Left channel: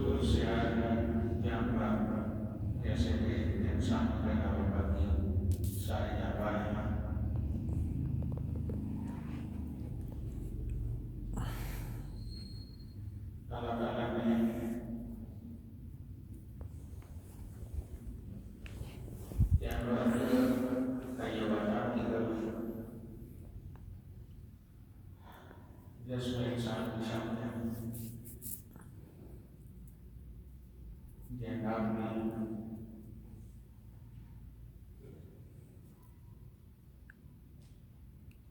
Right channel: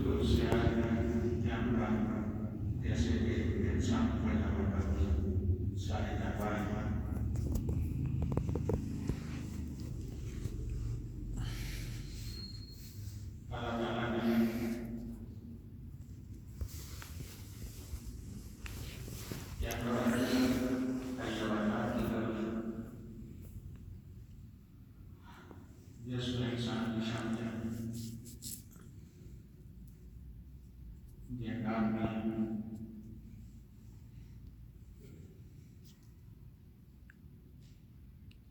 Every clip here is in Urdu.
Betul-betul sehat yang ya sebagai insan pada waktu saya banyak kala-kala yang berada kayawan kita dia sebagai insan dia kami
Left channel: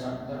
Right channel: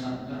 70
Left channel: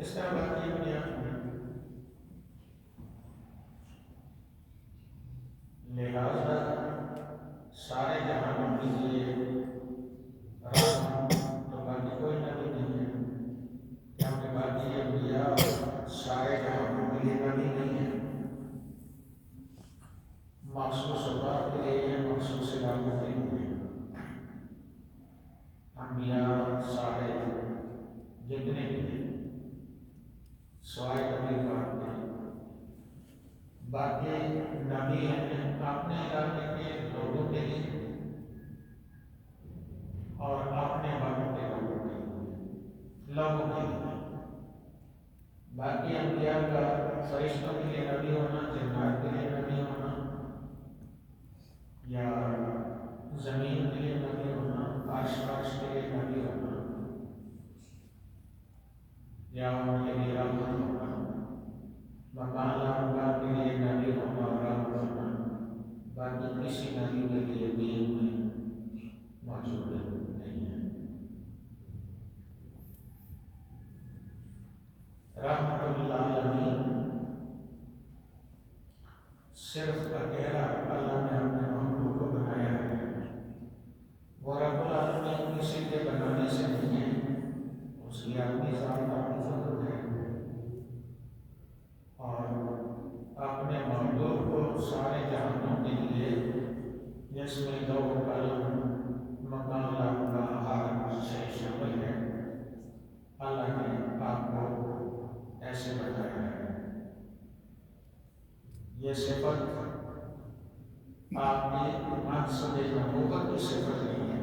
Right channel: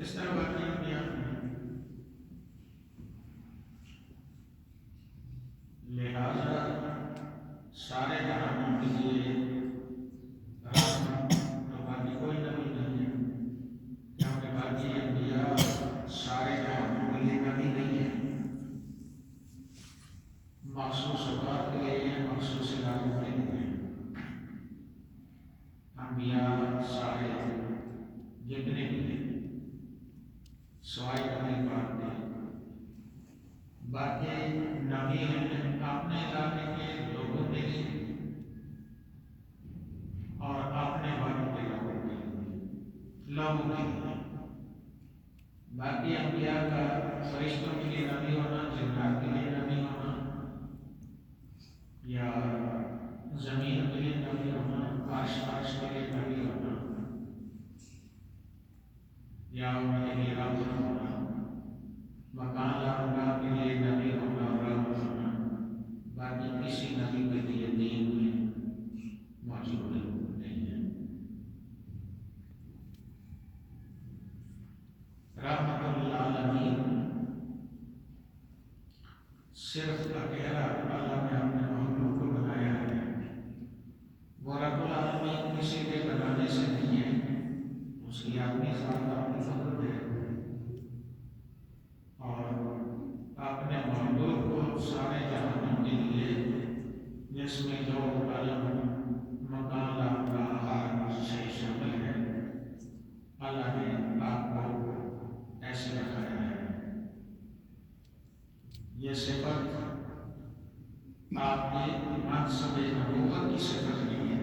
اس طرح باقی انبیاء لہذا سارے جہانوں کے لیے رحمت تو باقی کوئی نبی نہیں ہے، کیونکہ باقی انبیاء سارے جہانوں کے لیے نبی نہیں ہے، مخصوص اوقات کے لیے مخصوص علاقوں کے لیے انبیاء سارے جتنے بھی ہیں سوائے نبی پاک کے باقی نبی ہیں اپنے علاقے کے لوگوں کے لیے اور اپنے والوں کے لوگوں کے لیے باقی انبیاء کا فرشتوں کے لیے نبی ہونا، جنات کے لیے نبی ہونا، یا زمین کے لیے نبی ہونا، آس پاس کے لیے نبی ہونا، یا ان کے لیے رحمت ہونا، مکان اللہ کے لیے نبی ہونا اور رحمت ہونا، باقی کسی نبی کے لیے دین میں موجود نہیں ہے۔ رحمت للعالمین صرف اکیلا اللہ نے اپنے مخلوق کو بنایا ہے، وہ رب العالمین کسی کے بنانے سے نہیں ہے، اس کی اپنی ذات اپنی قدرت ہے، اور اپنے مخلوق کو سارے جہانوں کے لیے جس میں لو قلم مکان لا ہر سے شامل ہے، اللہ نے آپ کو ایسے بتایا ہے۔ یہ صفت آپ کی منصب نبوت کی صفت نہیں ہے،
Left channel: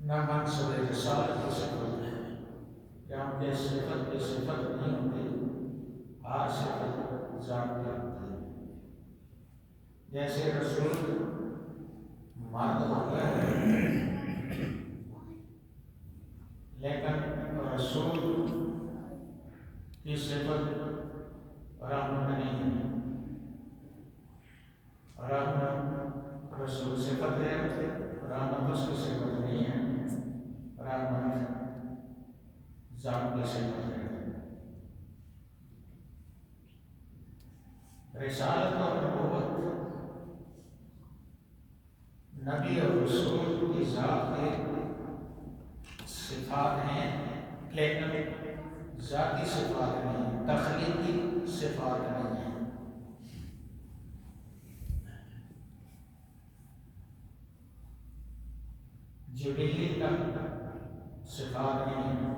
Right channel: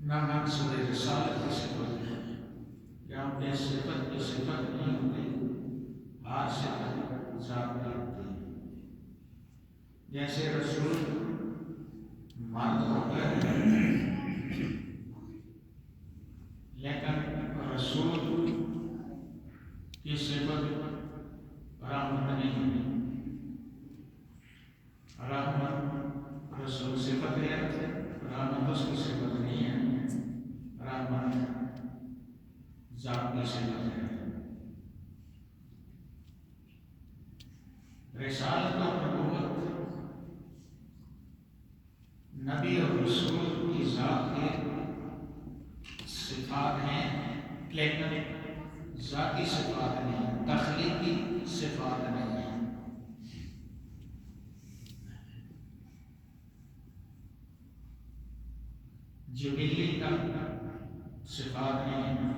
نہ منصب رسالت کی صفت ہے، کیونکہ صفت کی صفت نہیں ہوتی، ہر صفت ذات میں ہوتی ہے۔ جیسے رسول مرد ہوتا ہے لیکن رسول کی صفت رحمت نہیں ہے، رحمت رسول صفت ہے، رحمت اس کی صفت نہیں ہے، رحمت ذات کی صفت ہے۔ رسالت اور نبوت نبی اور رسول کی ذات کے صفات ہیں، لیکن ذاتی صفات نہیں، تخلیقی صفات نہیں ہیں۔ جبلی کا صفات نہیں ہیں،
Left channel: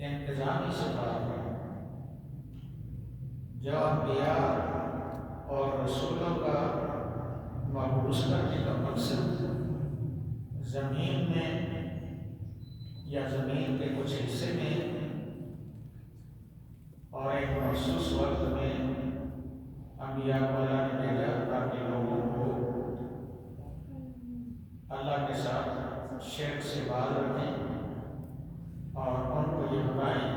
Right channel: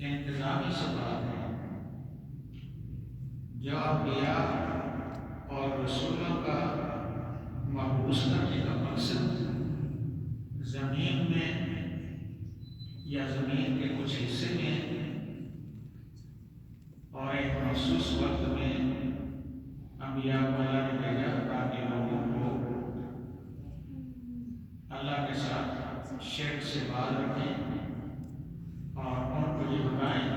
انتظامی صفات ہیں۔ جو انبیاء اور رسولوں کا مبعوث کرنے کا مقصد زمین میں یا زمین کے کچھ حصے میں اور ایک مخصوص وقت میں انبیاء کو اللہ نے بھیجا تاکہ لوگوں کو اللہ کے ساتھ شرک سے باز رکھیں اور ان کو یہ بتائیں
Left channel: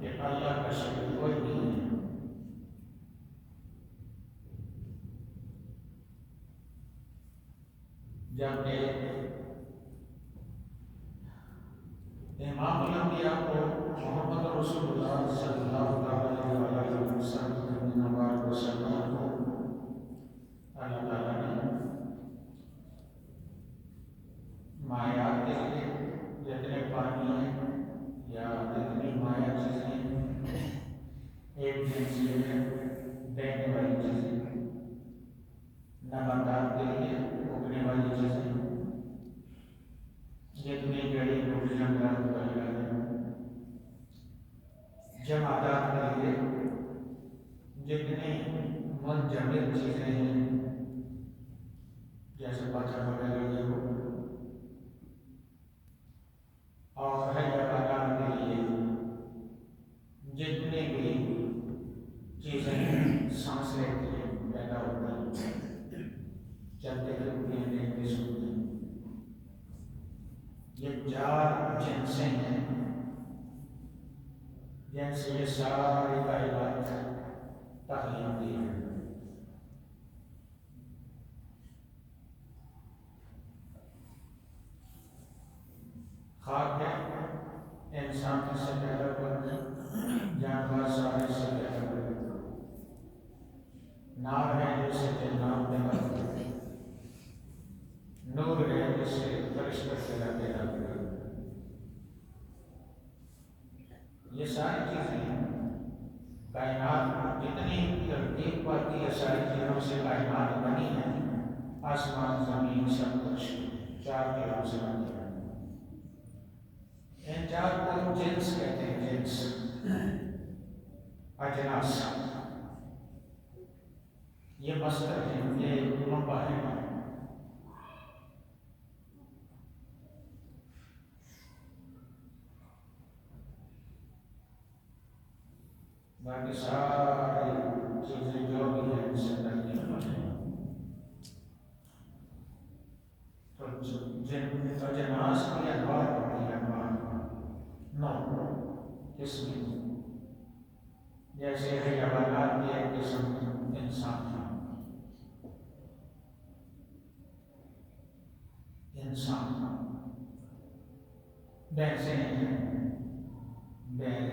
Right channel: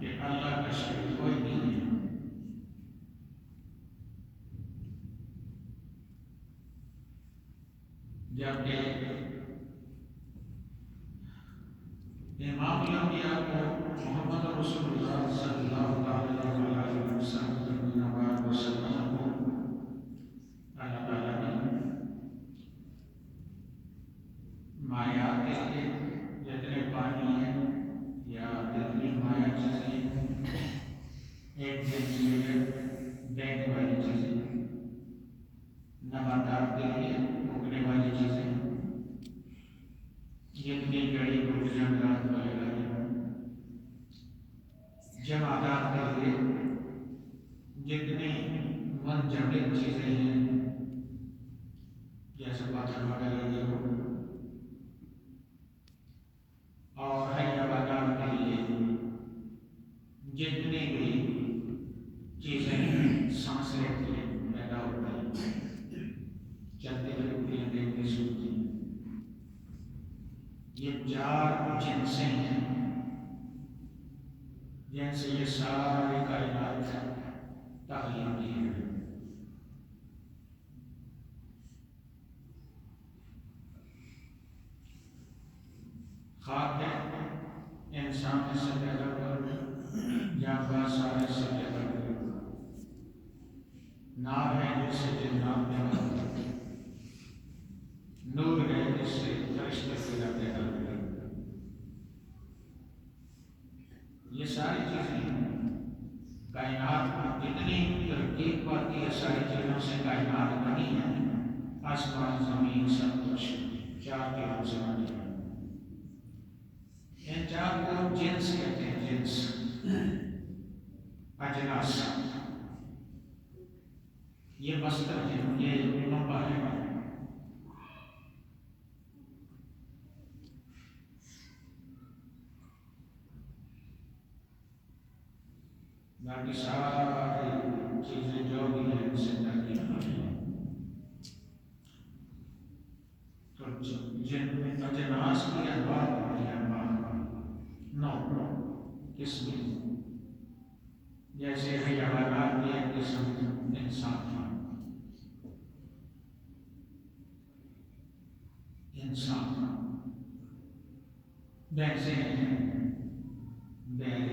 کہ اللہ کا شریک کوئی نہیں ہے۔ جبکہ امام الانبیاء کو محمد رسول اللہ صلی اللہ علیہ وسلم کو اللہ تعالیٰ نے مایات کے لیے جتنے پانی ہیں یا جتنی مایا چیزیں ایک جنسی ہے بہنے والی چیزیں، نباتات کے لیے اگنے والی چیزیں، جتنی جڑی بوٹیاں جمادات کے لیے جتنی منجمد چیزیں ہیں جیسے پتھر وغیرہ یہ ہو، اور حیوانات کے لیے جتنی بھی چیزیں سانس لیتی ہیں پیدا ہوتی ہیں، چلتے پھرتی ہیں، دیکھتے سنتے ہیں، یہ 4 جنسیں ہیں جن سے یہ ساری کائنات تخلیقی ہے۔ خاک ہے سامنے سے پیدا کر جانور سارے سے پیدا کر نار ہے جس سے جنات پیدا کر نور ہے جس سے فرشتے پیدا کر یہ ساری چیزیں کائنات جتنی ترتیب پاتی ہے ساری چیزوں سے کائنات بنی ہے آسمان زمین سب کچھ چار کلام سے بنی ہے ان چار کو جنس کہتے ہیں جنس اجناس یہ مصدر ہے یہ منبع ہے باقی ساری چیزیں جو بھی ہیں ان سے ترکیب ہوتی ہیں تو اجناس کی انواع ہوتی ہے نو قسم جیسے حیوانات کی ایک قسم انسان بھینسیں ہیں بیل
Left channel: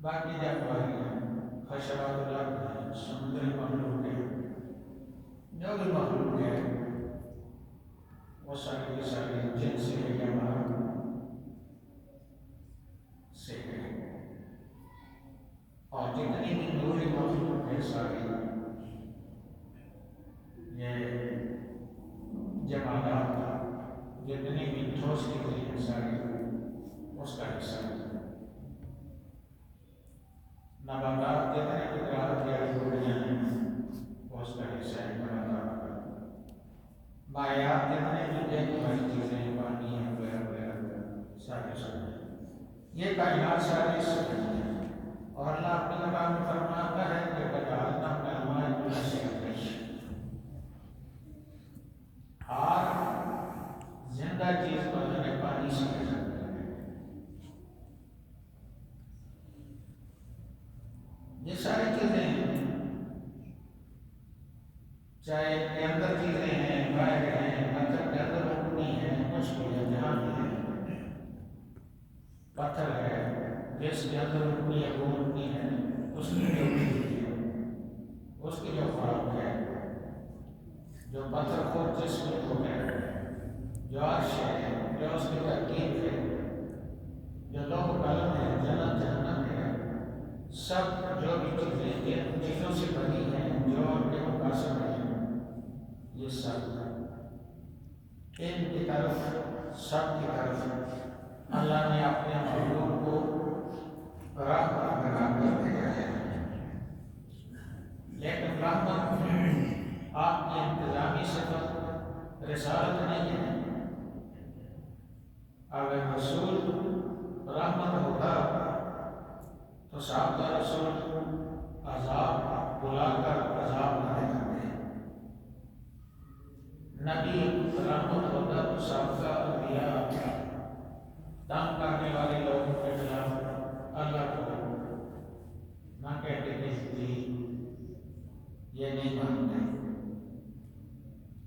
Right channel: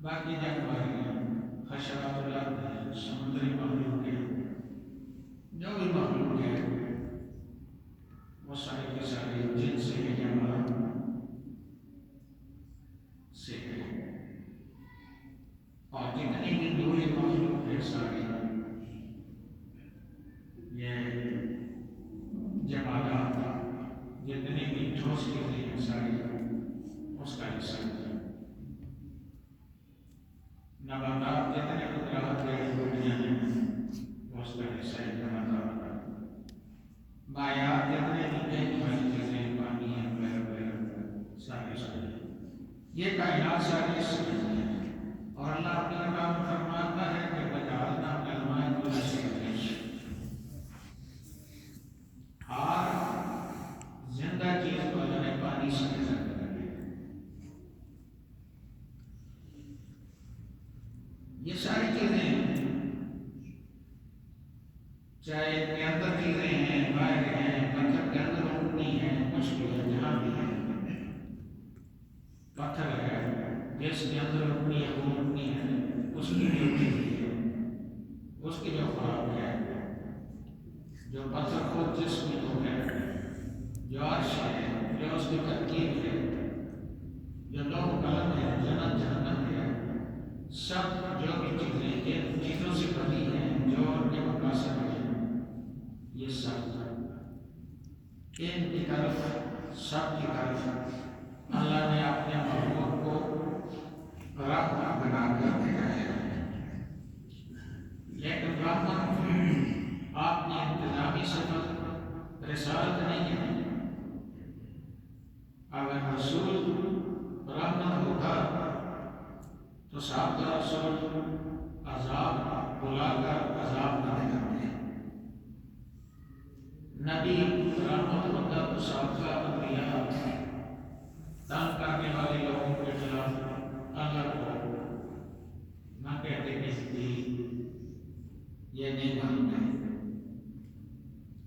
باقی جانور ہیں حشرات الارض ہیں سمندری مخلوق ہیں جو بھی مخلوق ہے وہ سارے کے سارے جن سے ہے جانور سے ہے اور جتنی بھی دوری مخلوق ہے ساری یہ جمالات جتنی بھی ٹھوس چیزیں ہیں ساری اس کا حصہ ہے نباتات جتنے قدرات پیڑ پودیاں ہیں وہ اس کا حصہ ہے نباتات مایات جتنے بھی بہنے والی چیزیں پانی ہے وغیرہ سارے سب یہ کائنات ساری اس سے بنی ہے اور اللہ اپنی کتاب میں فرماتا ہے کہ وجعلنا من الماء كل شيء حي ہر زندہ چیز کو اللہ نے پانی سے پیدا کیا ہے یہ ساری چیزیں چاہے کے اندر چیزیں ہیں باہر ہیں پتھر کے اندر اٹھنی ہیں کچھ بھی ہے جہاں بھی ہے پتھر ہے جس کے اندر اٹھنی ہے وہ اٹھنی ہے اس کی بھی اٹھنی ہے اس کی جو خوراک ہے جو پتھر خود جسم کو ہے جو عرش ہے جو اس کی ترکیب ہے جو لوح قلم ہے جنت جہنم ہے سب جو بھی چیزیں جن چیزوں سے بنی ہیں جو ان کے مقاصد ہیں یہ سب ان کی طرف سب کی طرف اللہ نے اپنے مخلوق کو رحمت بنا کر دیا ہے لیکن رحمت آپ کی انتظامی صفت رسالت نہیں ہے اگر رسول رحمت ہوتا تو سابقہ رسول عذاب بلا کر عذاب نہ دیتے نبی رحمت ہوتا تو سابقہ انبیاء تنگ کرنے والے لوگوں کے خلاف اللہ کو نہ کہتے کہ یہ نہیں مانتے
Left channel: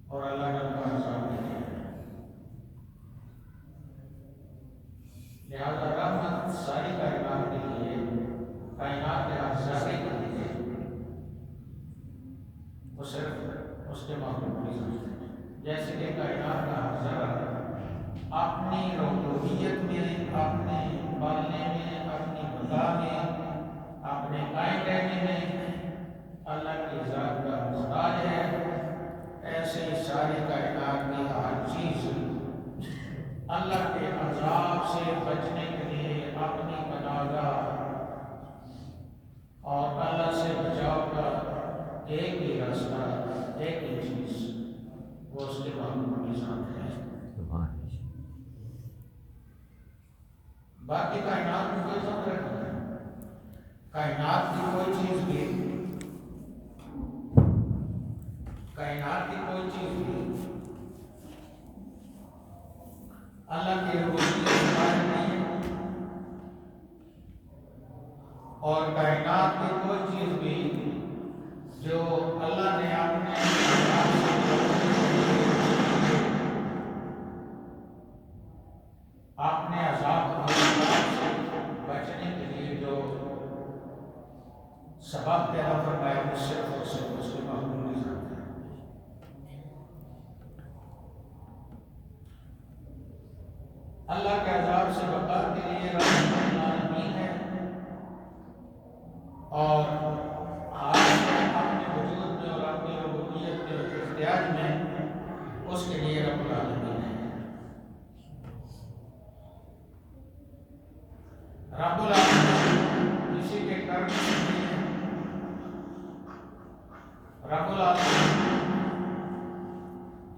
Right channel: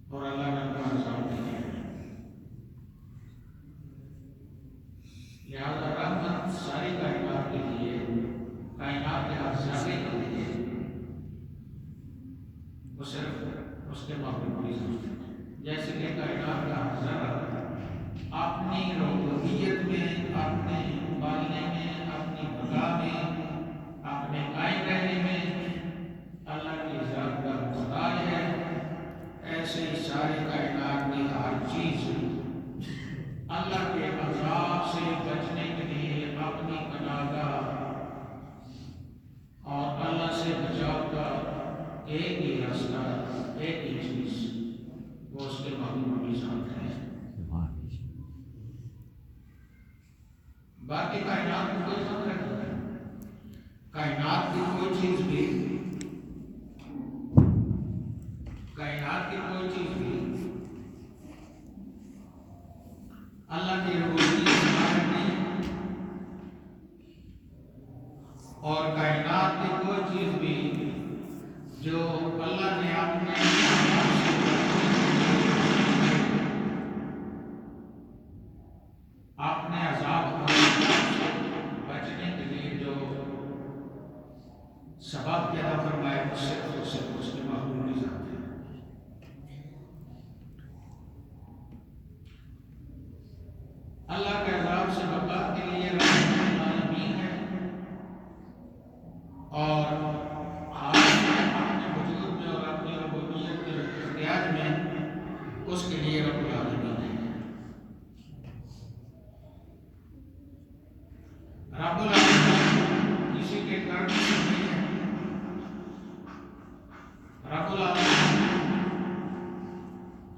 اور اللہ نے ان کا عذاب نہیں کیا لہذا رحمت ساری کائنات کے لیے کائنات کے حادثے کے لیے وہ صرف اس کے مخلوق کی سمجھتے ہیں جیسے کہ کائنات کا حادثہ اپنی ربوبیت میں اپنے پالنے میں اپنی بقا میں اپنے قائم رہنے میں اللہ کی ذات کا محتاج ہے ایسے ہی سارے کائنات کی ہر چیز اللہ کے عذاب سے بچنے کے لیے اپنی پناہگاہ اور اللہ سے بچاؤ کا ایک ہی راستہ ایک ہی چیز وہ اس کے مخلوق کے ساتھ ہے باقی کائنات میں کوئی خطرہ نہیں ہے کائنات کی کوئی چیز بھی اللہ کی ربوبیت سے باہر نہیں اور کائنات کی کوئی چیز بھی جو اللہ نے اپنے آپ نے عذاب سے بچنے کے لیے جو سبب پیدا فرمایا اس سے اس کے محروم نہیں جاتے ہیں۔ اللہ کے عذاب سے بچانے کے لیے رحمت العالمین ہے، اور اپنے وجود میں اور اپنی ربوبیت کے اختیار میں اس کے لیے رب العالمین ہے۔ رب العالمین کسی کے کرنے سے نہیں ہے، رب العالمین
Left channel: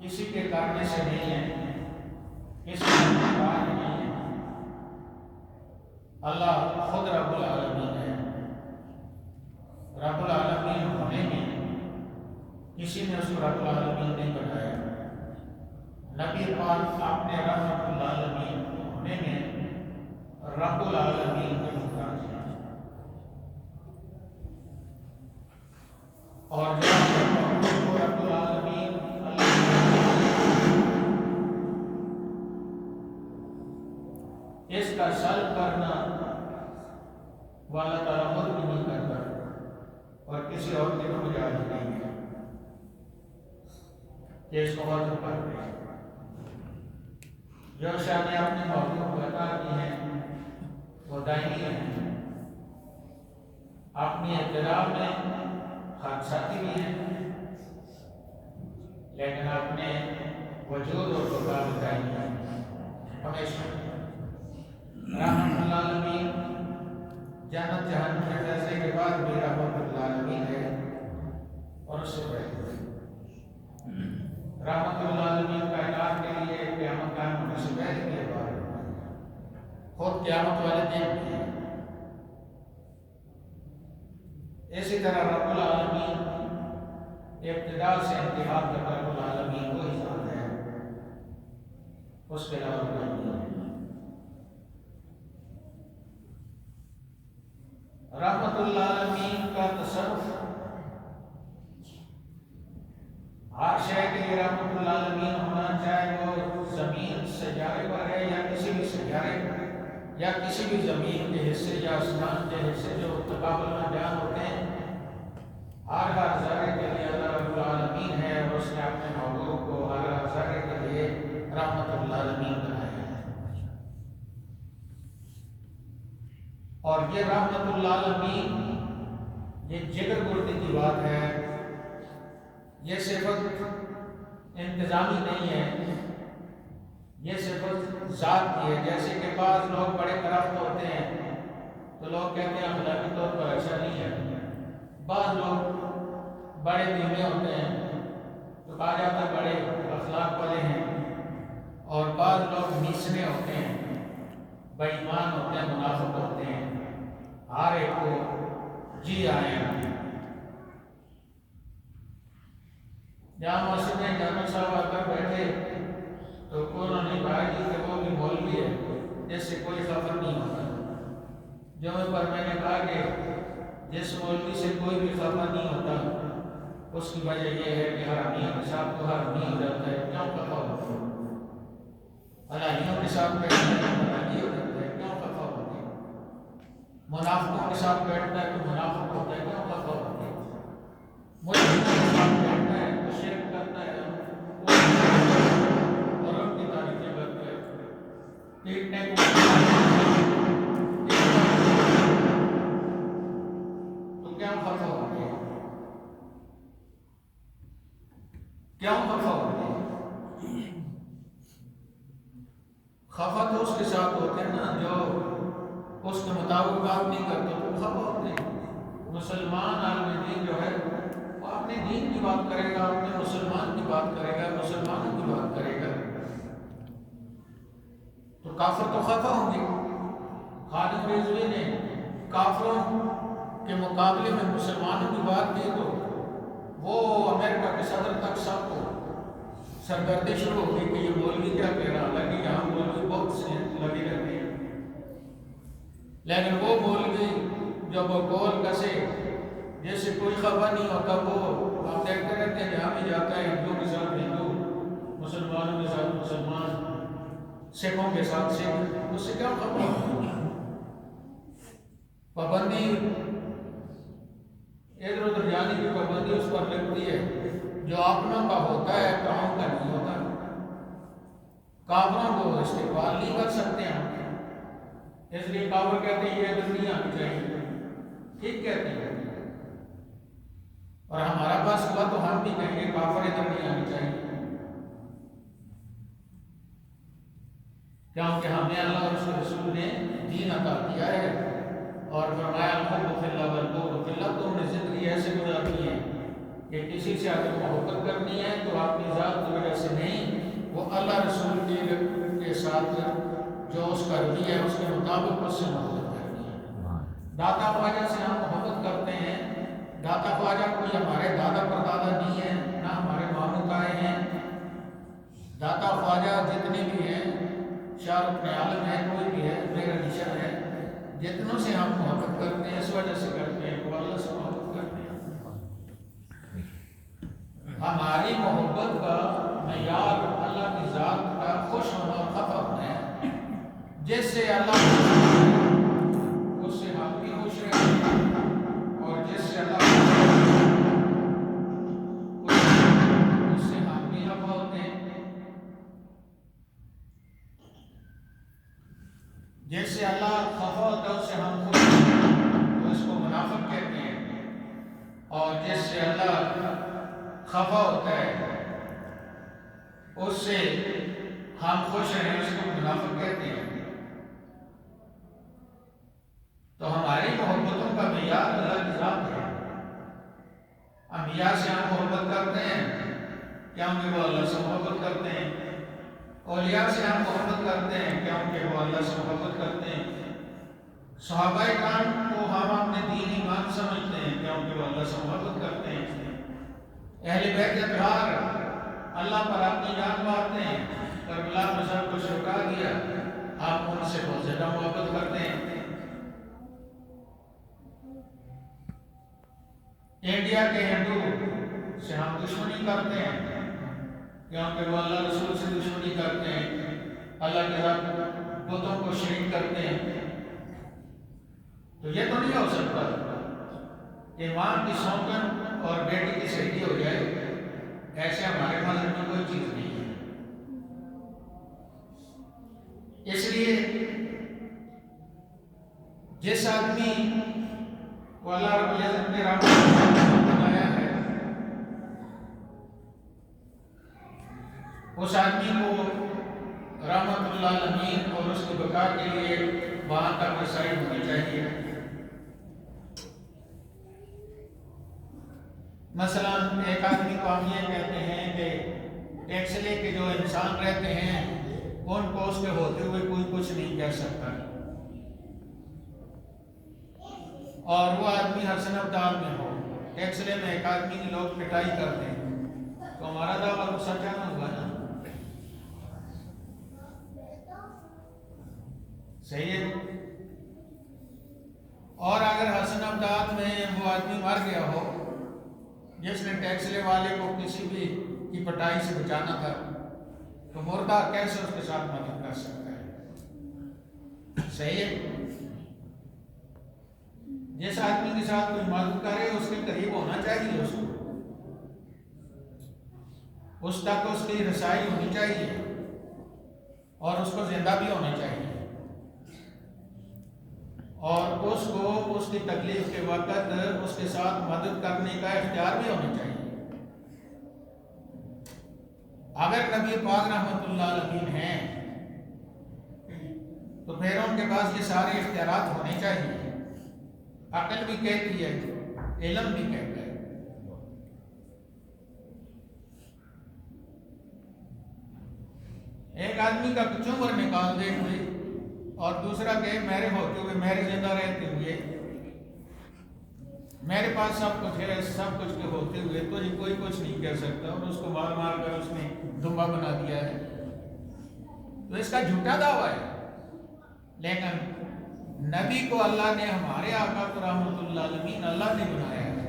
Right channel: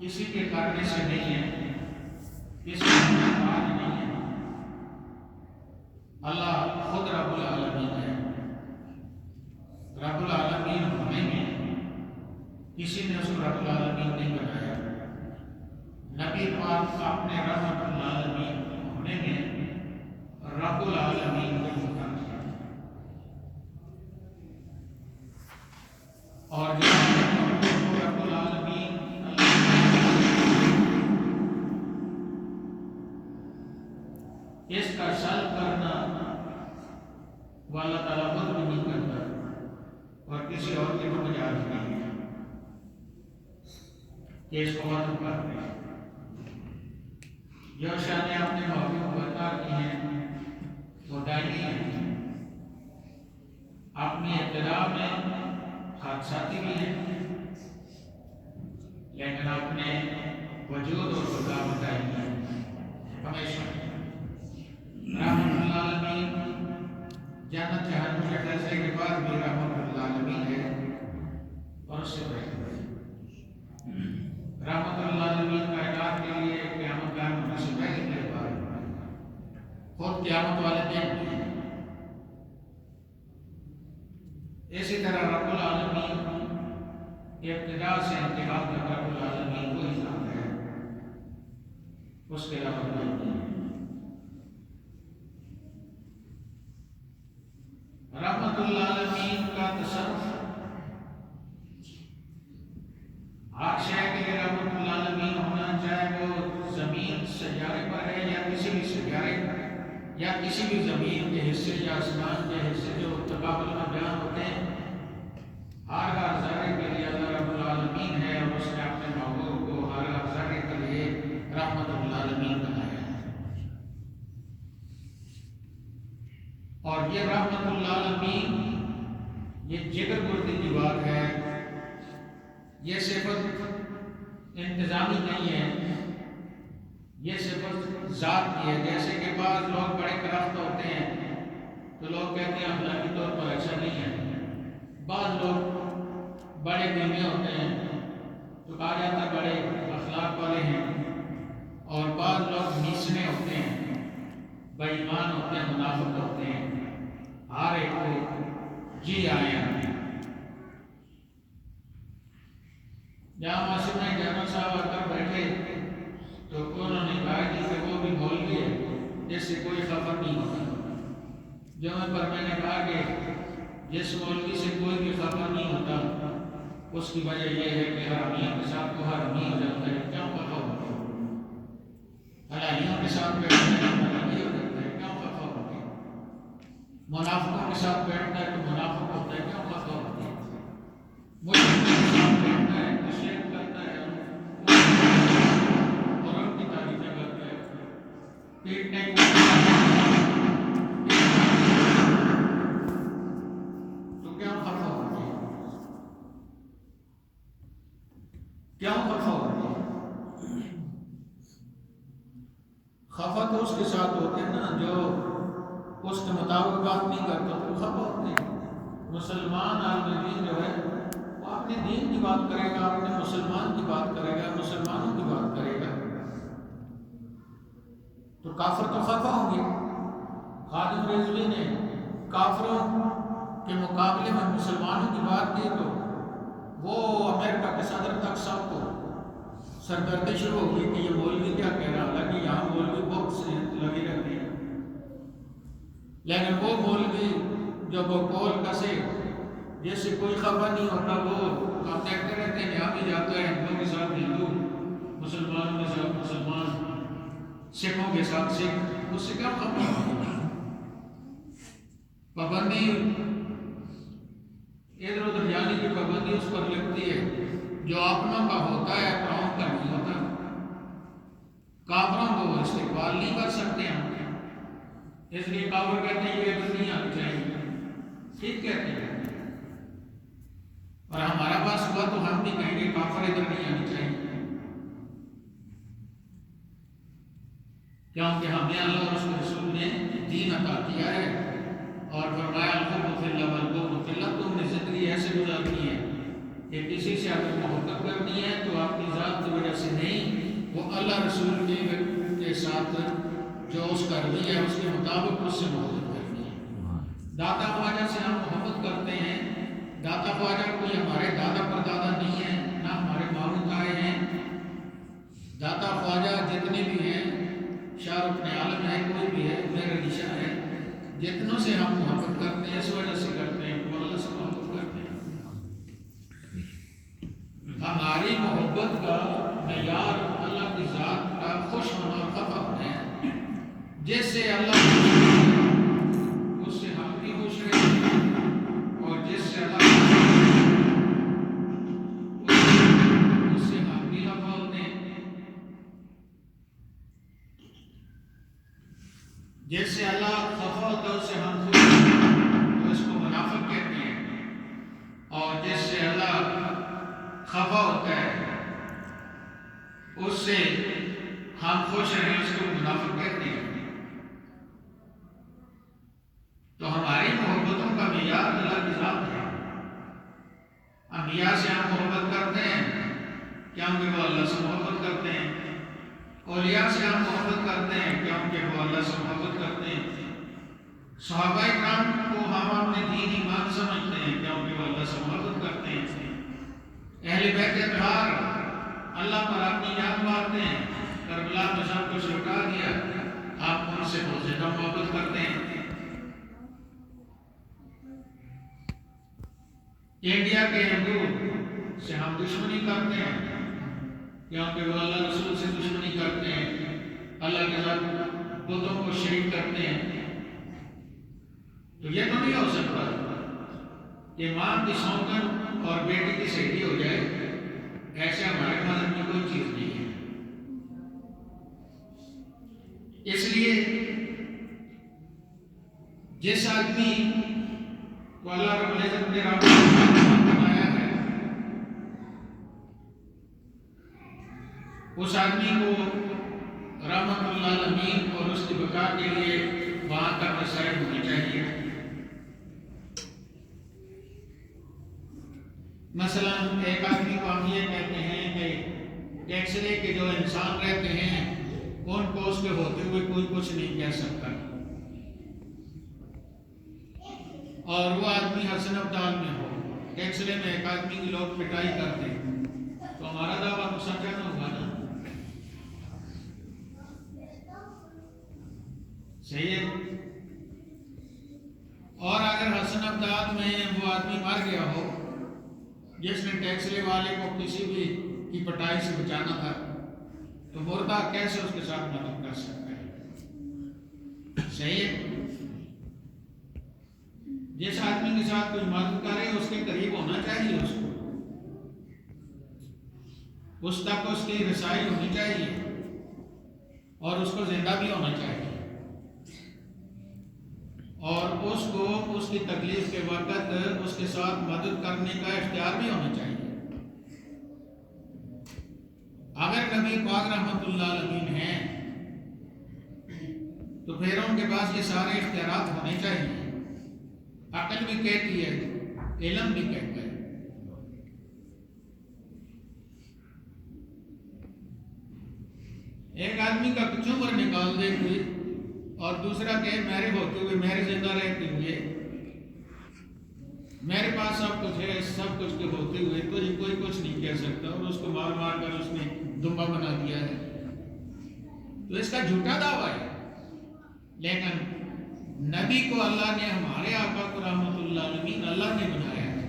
کسی کے کرنے سے نہیں ہے، کسی کا محتاج نہیں ہے، اللہ خود رب العالمین ہے۔ رب العالمین ہونے میں کسی نے اس کو رب العالمین نہیں بنایا، نبی پاک اپنے رحمت العالمین ہونے میں رب العالمین کو محتاج ہے، اور جو رب العالمین اس کا سلب کرنا وہ اللہ تعالیٰ خود بھی نہیں کرتا، اور کسی اور کے تو مجاز نہیں ہے کہ اس کو ختم کر دیں۔ جو شاہ نے اپنے موضوع کو عطا کی ہیں وہ دائمی ہیں، اپنی ابتدا میں حادثاتی بھی ہیں، لیکن اپنے وجود اور خدا میں دائمی ہیں ہمیشہ۔ رحمت العالمین جنت جہنم کے فیصلے کے بعد بھی رحمت العالمین ہے، اور اس سے پہلے رحمت العالمین کائنات کے لیے قیامت قائم ہونے سے پہلے کے بعد خود قیامت والے دن بھی ہیں۔ اسی طرح رب العالمین ابتدا سے انتہا تک رب العالمین کو ہی ذات ہے، اس کے علاوہ کوئی نہیں ہے۔ رحمت العالمین کا تصرف ہر شے کے لیے رحمت العالمین ہونا، چاہے وہ زمین سیارے پر ہے یا کسی بھی سیارے پر یا کسی بھی زمین کے حصے یا آسمان کے حصے جو تقابل میں بیان ہوتے ہیں، ہر ذرے کے لیے اللہ رب العالمین ہے، اور اس نے اپنے محبوب کو ہر ذرے کے لیے رحمت العالمین بنایا ہے۔ اور یہ رحمت العالمین یہ جگر گردی کی بات ہے، یہ صفت انتظامی نہیں ہے، یہ صفت ذات کی ہے۔ جیسے کہ بعض لوگ بڑے درخت ہوتے ہیں تو لوگ کہتے ہیں اخلاقی طور پر اچھا نہیں ہے، بعض لوگ بڑے بیمے ہوتے ہیں تو کہا جاتا ہے بڑے اخلاق والے ہیں، اور بعض لوگ نیچے ہوتے ہیں، بے ایمان ہوتے ہیں، منافق ہوتے ہیں، ہر ایک کو جی آئے ہیں۔ جہاں مسجد میں جنرل صاحب آ کر بیٹھے تو انہوں نے کہا کہ وہ بھی مولوی ہے جس سے کوئی خبر نہیں ہوتا، جو میں نے کہا کہ جس مولوی سے کوئی بھی خبر نہیں ہوتا اس کی وجہ یہ ہے کہ ہر میاں کے ساتھ تو ہر نہیں ہو جاتا ہے، کیوں خفا ہوتے ہیں؟ الہیوں کے ساتھ بیٹھتا ہے تو الہی ہو جاتا ہے، کیوں خفا ہوتے ہیں؟ منافقوں کے ساتھ بیٹھتا ہے تو منافق ہوتا ہے، کیوں خفا ہوتے ہیں؟ مشرکوں کے ساتھ بیٹھتا ہے تو شرک کرتا ہے اور ان کی تعریفیں کرتا ہے، پیٹنے کو تو کیا خفا ہوتے ہیں؟ کیا خفا ہوتے ہیں؟ خفا تو اس کے ساتھ ہوتے ہیں نا جو اس کے مطابق بات نہیں کرتے تو خفا ہوتے ہیں۔ مسلمان عالم دین جو ہے وہ اپنے دین کی بات کرے گا، اپنے مسلمان کی بات کرے گا، مسلمانوں کی بات کرے گا، تو کافر تو خفا ہوں گے۔ خادم رضوی نے کافروں کے مقابلے میں مسلمانوں کی بات کی تو وہ امریکہ کے صدر تک سب کو سرگردی شروع ہو گئی کہ یہ مولوی کیا کہہ رہا، حالانکہ یہاں مولوی بہت سے لگے رہتے ہیں، لیکن وہ مولوی جو بقول کسے جس سے کوئی خبر نہیں ہوتا وہ آپ دیکھتے رہتے ہیں جہاں بھی جاتا ہے ہندوؤں کے ساتھ ہندو، مسلمانوں کے ساتھ مسلمان، سکھوں کے ساتھ سکھ، اس سے کیا خبر ہوتی ہے؟ پابندی ادھر ادھر جانے کی پابندی اس پر لگتی ہے، جو اپنوں کا ہوتا ہے قوم کا نہیں ہوتا۔ کافروں کو استقبال نہیں کر سکتے ہم، اس لیے کافر کہتے ہیں یہ ادھر نہیں آنی چاہیے، ٹھیک کہتے ہیں، اور ہمارا پاس ہوا تو ہم بھی کہیں گے کافر ادھر نہیں آنی چاہیے، کیونکہ ہمیں اللہ اور اس کے رسول نے دین عطا کیا ہے، اور فرمایا الحب فی اللہ والبغض فی اللہ، تم نے زندگی ایسے گزارنی ہے کہ کسی سے اگر محبت کرنی ہے تو آپ کی ذات کی وجہ سے نہیں، وہ اللہ رسول کے ساتھ جو اس کا رویہ ہے اس کے مطابق اس سے محبت کرنی ہے۔ داتا خواجہ سے ہم محبت کرتے ہیں، داتا خواجہ کوئی ہمارے دادا پردادا نہیں ہے، نہ ہمارے ماموں تائے ہیں، داتا خواجہ جتنے بھی ہیں، شاہ رخ عالم ہے، کوئی بھی ہے، میرا نشان ہے، جتنوں سے ہم محبت کرتے ہیں اس وجہ سے کرتے ہیں وہ اللہ سے محبت کرتے ہیں۔ ہماری محبت کا معیار اللہ کی ذات کا خوش ہونا اور خفا ہونا ہے، جس سے اللہ اس سے ہم بھی خوش رہیں گے، اور جس سے اللہ اس سے ہم بھی خفا ہوتے ہیں، جس سے اللہ خفا ہوتا ہے اس سے ہم خوش ہوتے ہیں، تو اس کو منافق کہتے ہیں، اور جس سے اللہ خفا ہوتا ہے اس سے ہم خوش رہیں اس کو منافق کہتے ہیں۔ تو ہماری محبتوں کا معیار اللہ کی ذات ہے۔ انبیاء سے ہم محبت کرتے ہیں کیونکہ وہ اللہ سے محبت کرتے ہیں، اولیاء سے ہم محبت کرتے ہیں کیونکہ وہ اللہ سے محبت کرتے ہیں، صحابہ کرام کو ہم اپنے دین ایمان سمجھتے ہیں کیونکہ وہ اللہ سے محبت کرتے ہیں، اہل بیت اطہار اللہ پر اپنی جان مارتے ہیں، کربلا میں سب کچھ لٹا دیا، آپ ان سے بہت زیادہ محبت کرتے ہیں۔ انڈیا کے ہندو سے ہم دشمنی کرتے ہیں کیونکہ وہ اللہ رسول سے دشمنی کرتے ہیں، اللہ کے ساتھ بتوں کو شریک کرتے ہیں۔ تو یہ تو نہیں ہو سکتا کہ ماں کی سوتن اور بیٹی کی شہیدی ہو جائے، ایسے ہمارے مذہب میں کوئی چیز نہیں ہے۔ اس لیے جس آدمی کو اللہ رب العزت نے رحمت بنایا ہے اس آدمی کو رحمت اللہ العالمین اور اس کی بقا کے لیے وہاں تک رسائی ہونی چاہیے۔ مثلا ایک آدمی کو ہم یہ کہتے ہیں کہ ٹیکسلے کے جو انسان رہتے ہیں ان کو اس کے ہوتے ہوئے کوئی کچھ نہیں کہہ سکتا، اور وہ آدمی حسن ابدال میں ہو، ٹیکسلے میں ایک آدمی کی لوگ پٹائی کرتے ہیں تو ہمارا دعویٰ تو سچا نہ ہوگا نا، صحیح ہے۔ اور اگر حسن ابدال میں وہ آدمی مر گیا ہو جس نے ٹیکسلے والے کو کسی بھی کی پٹائی سے بچانا تھا، تو مردہ کیسے اس کے ساتھ مدد کر سکتا ہے؟ صحیح ہے۔ جس آدمی کے ساتھ کوئی مدد کرے اس کے قریب ہونا چاہیے، اس تک اس کی رسائی ہونی چاہیے، اور اس کو زندہ بھی ہونا چاہیے، اور اس کو اس کی تکلیف کے وقت اس کے ساتھ مدد کرنے کا اختیار بھی ہونا چاہیے۔ اگر نبی پاک رحمت اللہ علیہ ہیں تو پھر ان کے پاس یہ سارے اختیارات ہونے چاہیے، عقل بھی کہتی ہے، علم بھی کہتا ہے۔ ایک آدمی کا چمر نکال دے کوئی اور دوسرا کہے میرے ہوتے ہوئے، میرے زندہ رہتے ہوئے، میرے پاس سب کچھ ہے، سب کچھ کے ہوتے ہوئے تو یہ کوئی کچھ نہیں کہہ سکتا، اور اس کو مار مار کر اس نے دمبا بنا دیا ہے، تو اس کا جھوٹا دعویٰ ہے۔ لیکن نبی کو اللہ نے، ہمارے آقا کو رحمت اللہ علیہ اللہ نے بنایا ہے،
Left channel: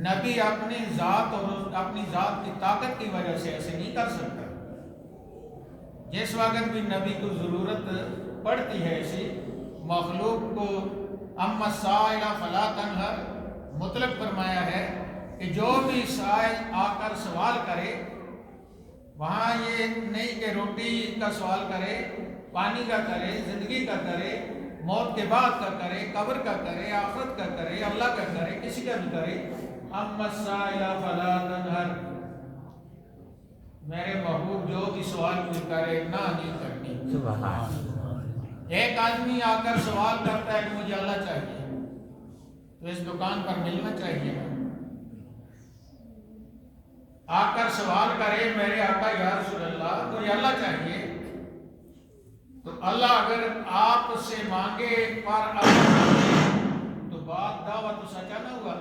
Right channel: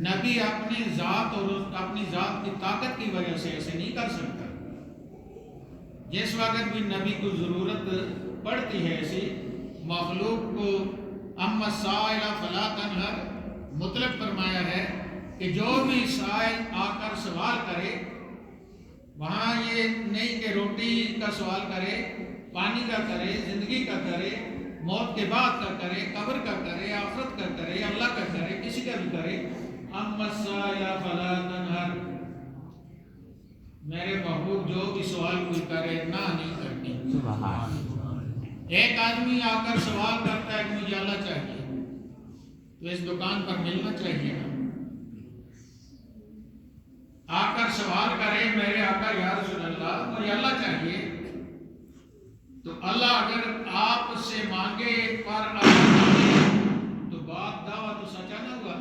نبی اپنی ذات اور اپنی ذات کی طاقت کی وجہ سے ایسے نہیں کر سکتا. جس وقت بھی نبی کو ضرورت پڑتی ہے ایسی مخلوق کو، اما السائل فلا تنہر، مطلق فرمایا ہے کہ جو بھی سائل آ کر سوال کرے، وہاں یہ نہیں کہ روٹی کا سوال کرے، پانی کا کرے، زندگی کا کرے، موت کے بعد کا کرے، قبر کا کرے، آخرت کا کرے، اللہ کا کرے، کسی کا بھی کرے، اما السائل فلا تنہر، میرے محبوب جو بھی سوال کوئی کرے نہ نہیں کرنی. ایک آدمی آ کر سوال کرتا ہے کہ مجھے اللہ چاہیے، تو اس دکان پر ملنا چاہیے. آ کر سوال کرے میرے آقا یا رسول اللہ مجھے اللہ چاہیے، تو اللہ اگر آپ سے مانگے پر اللہ مانگے تو بات دعویٰ تو سچا نہ ہوا.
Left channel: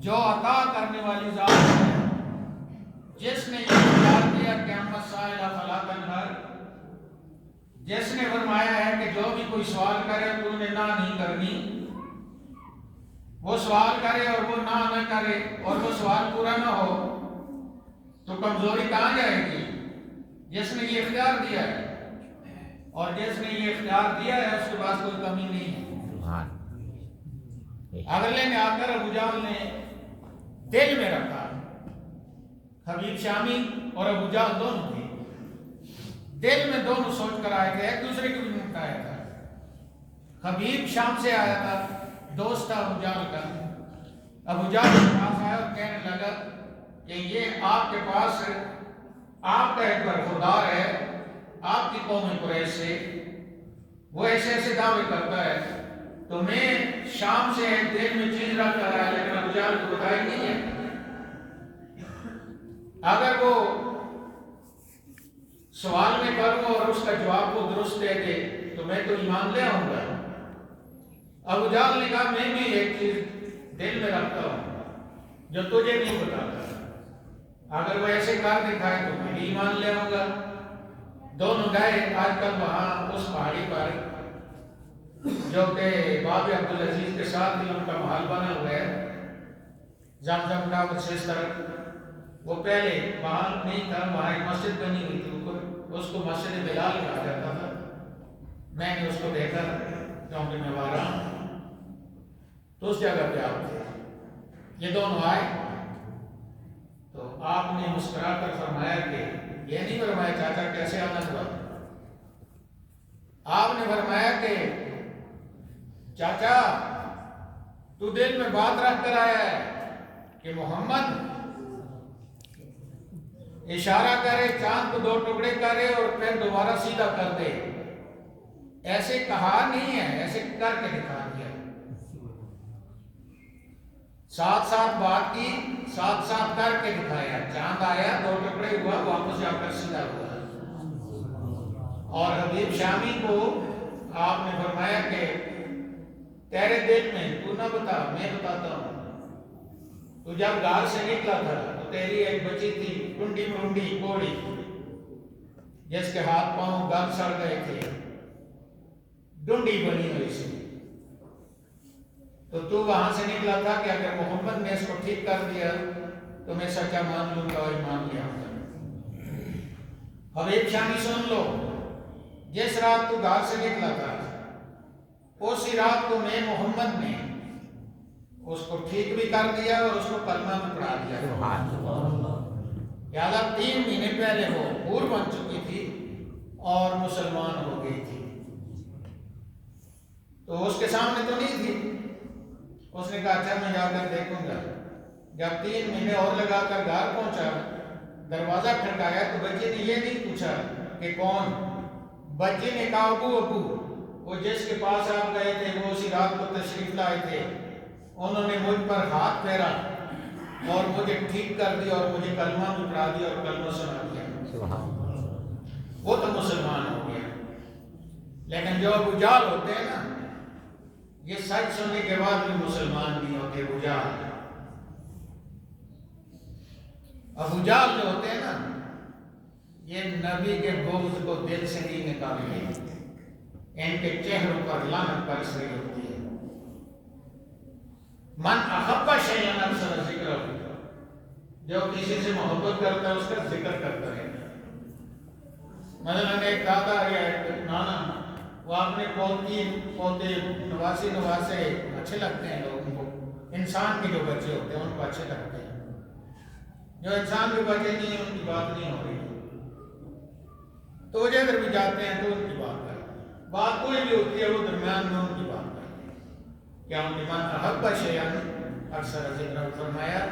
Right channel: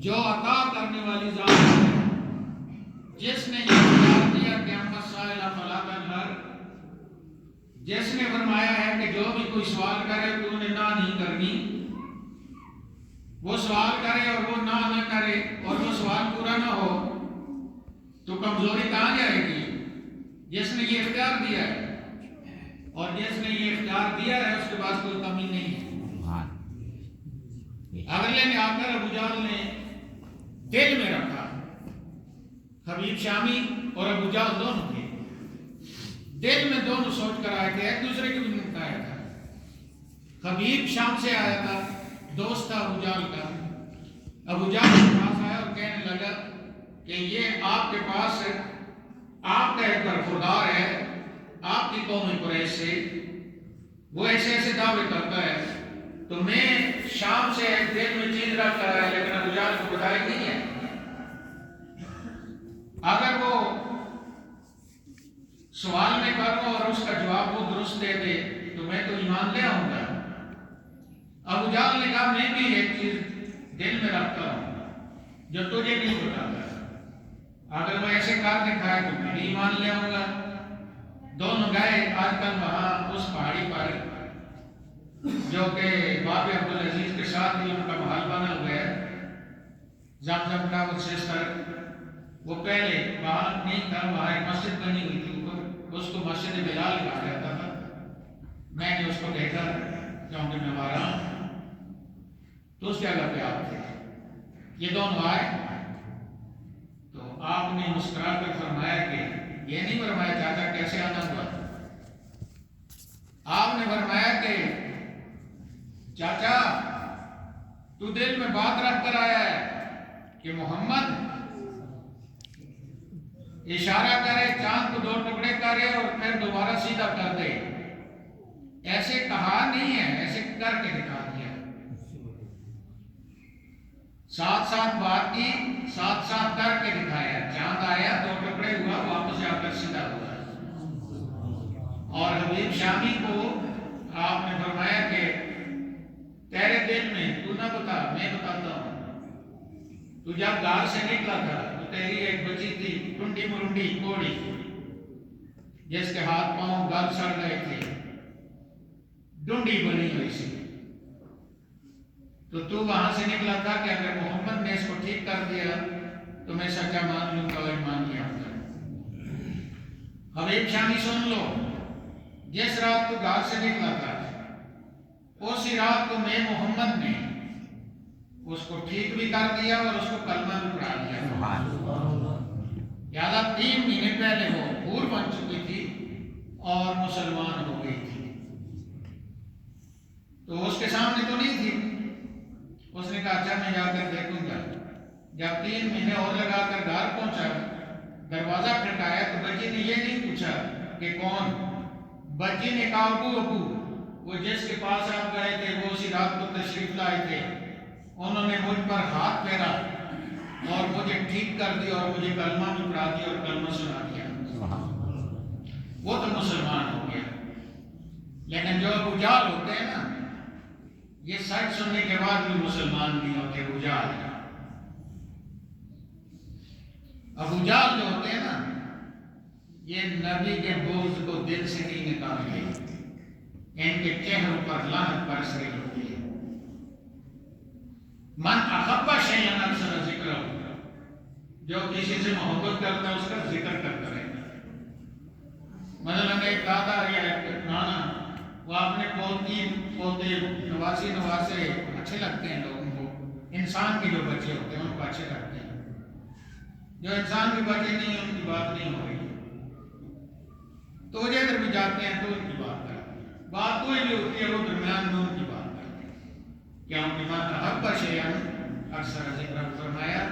جو عطا کرنے والی ذات ہے، جس نے یہ اختیار دیا کہ اما السائل فلا تنہر، جس نے فرمایا ہے کہ جو بھی کوئی سوال کرے تو نے نہ نہیں کرنی، وہ سوال کرے اور وہ نہ کرے اور وہ سوال پورا نہ ہو تو کمزوری کہاں جائے گی؟ جس نے یہ اختیار دیا ہے، اور جس نے یہ اختیار دیا ہے اس کے پاس کوئی کمی نہیں ہے. اگلے نے آ کر ابو جہل نے دل میں رکھا، حبیب شامی اور ابو جہل دونوں تھے، دل میں دونوں سوچ کر آئے تھے، ایک دوسرے کے بھی منہ آیا تھا. حبیب شام سے آیا تھا، دوست تھا ابو جہل کا. ابو جہل کے پاس آیا اور کہنے لگا کہ یہ آپ کے پاس آپ کا ایک برخوردار ہے آپ کی قوم قریش سے، وہ ایسے ایسے دعوے کرتا ہے، تو میں شام سے ایک دل میں چیز رکھ کر آیا لیکن ابو جہل کو بتائی نہیں ہے. اگر وہ سوال میں کروں اور اس کا جواب وہ درست دے دے تو میں تو ایمان لے آؤں گا. ابو جہل نے کہا میں بھی ایک چیز دل میں رکھتا ہوں جو تجھے نہیں بتاتا، اگر وہ ایسے کر دکھائے تو میں بھی ایمان لے آؤں گا. دونوں گئے. آج کل وہاں اس پہاڑی پر جو کہ باب عبدالعزیز کے ساتھ علم کا محل بنا ہوا ہے، زمزم کا اور سستر، وہ پہلے وہاں نہیں تھا، وہاں ایک مسجد بنی ہوئی تھی اوپر، اس کو مسجد بلال کہا جاتا تھا. میں نے اس کو دیکھا کیونکہ میں وہاں رہا ہوں، تو اس جگہ پہ آپ تھے. یہ دونوں آئے تو آپ نے مسکرا کر فرمایا کہ یہ نہیں فرمایا چاچا کیسے آنا ہوا، آپ نے فرمایا کہ چاچا تو دل میں بات رکھ کر آیا ہے کہ محمد اشارہ کرے چاند کو 2 ٹکڑے کرے اور پھر دوبارہ سیدھا کر دے. ایسے کہا نہیں ہے، ایسے کر کے دکھا دیا. ساتھ ساتھ بات کی، ساتھ ساتھ کر کے دکھایا. چاند آیا 2 ٹکڑے ہوا، واپس جا کر سیدھا ہوا. اور حبیب شامی کو آپ نے فرمایا کہ تیرے دل میں تو نہ بتا، میں بتاتا ہوں. تو جب گھر سے نکلا تھا تو تیری ایک بچی تھی ٹنڈی مرنڈی کوڑی، جس کے ہاتھ پاؤں گل سڑ گئے تھے، ڈنڈی بنی ہوئی سی. تو وہاں سے نکلا تھا کہ اگر محمد نے اس کو ٹھیک کر دیا تو میں سچا مان لوں گا اور ایمان لے آؤں گا. حبیب شامی سن لو، جس رات تو گھر سے نکلا تھا اسی رات کو میں محمد نے اس کو ٹھیک بھی کر دیا اور اس کو کلمہ بھی پڑھا دیا. لہٰذا 3 مہینے پہلے وہ حور بن چکی تھی اور مسلمان ہو گئی تھی. تو اس کے سامنے تو نہیں تھی. اس نے کہا اچھا میں جا کر دیکھوں گا. جب 3 مہینے اور لگا کر گھر پہنچا، دروازہ کھٹکایا تو بچی نے یہ نہیں پوچھا کہ کون. بچی نے کہا ابو ابو، وہ جس کے پاس آپ گئے تھے وہ اسی رات کو تشریف لائے تھے، انہوں نے مجھ پر ہاتھ پھیرا اور مجھے ٹھیک کر دیا اور مجھے کلمہ بھی پڑھا دیا اور کلمہ سنا دیا. وہ تو مسلمان ہو گیا. لیکن جو ابو جہل ہوتے ہیں نا، یہ سچ سننے کے بعد بھی مسلمان نہیں ہوتے. ابو جہل جو ہوتے ہیں نا، یہ نبی کے بغض کو دل سے نہیں نکالتے، ان کے چہروں پر لعنت برس رہی ہوتی ہے. من احب شیئا اکثر ذکرہ، جو کسی سے محبت کرتا ہے اس کا ذکر کرتا رہتا ہے۔ مثلاً ایک دادا یا ایک نانا، وہ اپنے پوتے نواسے اچھے لگتے ہیں لوگوں کو، انسان کے جو بچے ہوتے ہیں ان کو اچھے لگتے ہیں، جو انسان کے بچے نہیں ہیں ان کی بات نہیں ہو رہی، تو وہ ادھر بھی جاتے ہیں تو ان کی بات کرتے ہیں، بات کوئی بھی ہوتی ہے وہ درمیان میں ان کی بات کرتے ہیں۔ کیا ان ایمان احب شیئن اکثر ذکر فرمایا،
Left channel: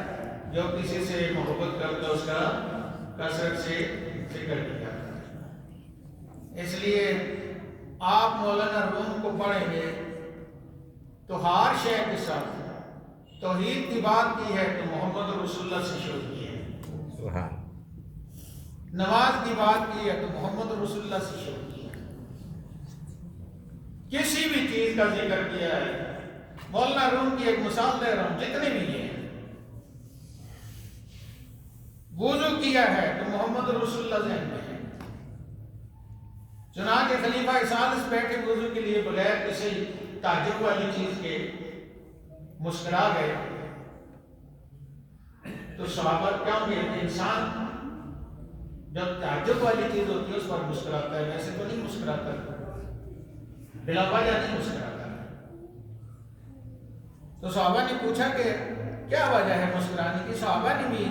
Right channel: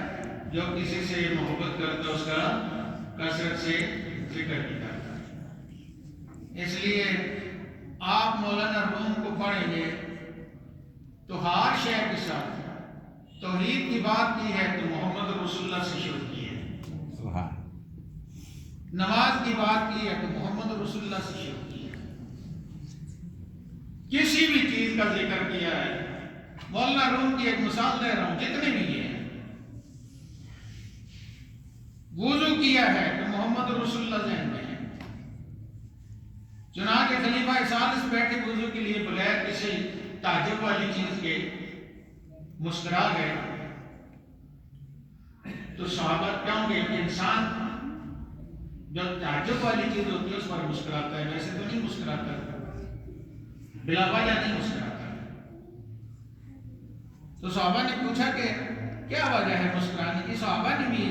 جو کسی سے محبت کرتا ہے اس کا کثرت سے ذکر بھی کرتا ہے۔ اس لیے آپ مولانا روم کو پڑھیں گے تو ہر شے کے ساتھ توحید کی بات کی ہے تو محمد رسول اللہ سے شروع کی ہے، نماز کی بات کی ہے تو محمد رسول اللہ سے شروع کی ہے، کسی بھی چیز کا ذکر کیا ہے۔ مولانا روم کی ایک مثال دے رہا ہوں، جتنے بھی یہ ہیں، وضو کیا ہے تو محمد رسول اللہ ذہن میں ہے، چنانچہ خلیفہ ثالث بیٹھے وضو کے لیے بغیر کسی تعجب والی چیز کے مسکرا گئے تو صحابہ کیوں کہ انسان جب تعجب والی چیز ہوتی ہے اس پر مسکراتا ہے، ویسے تو نہیں مسکراتا، بلا وجہ نہیں مسکراتا۔ تو صحابہ نے پوچھا کہ کیا وجہ ہے مسکرانے کی؟ صحابہ نے بھی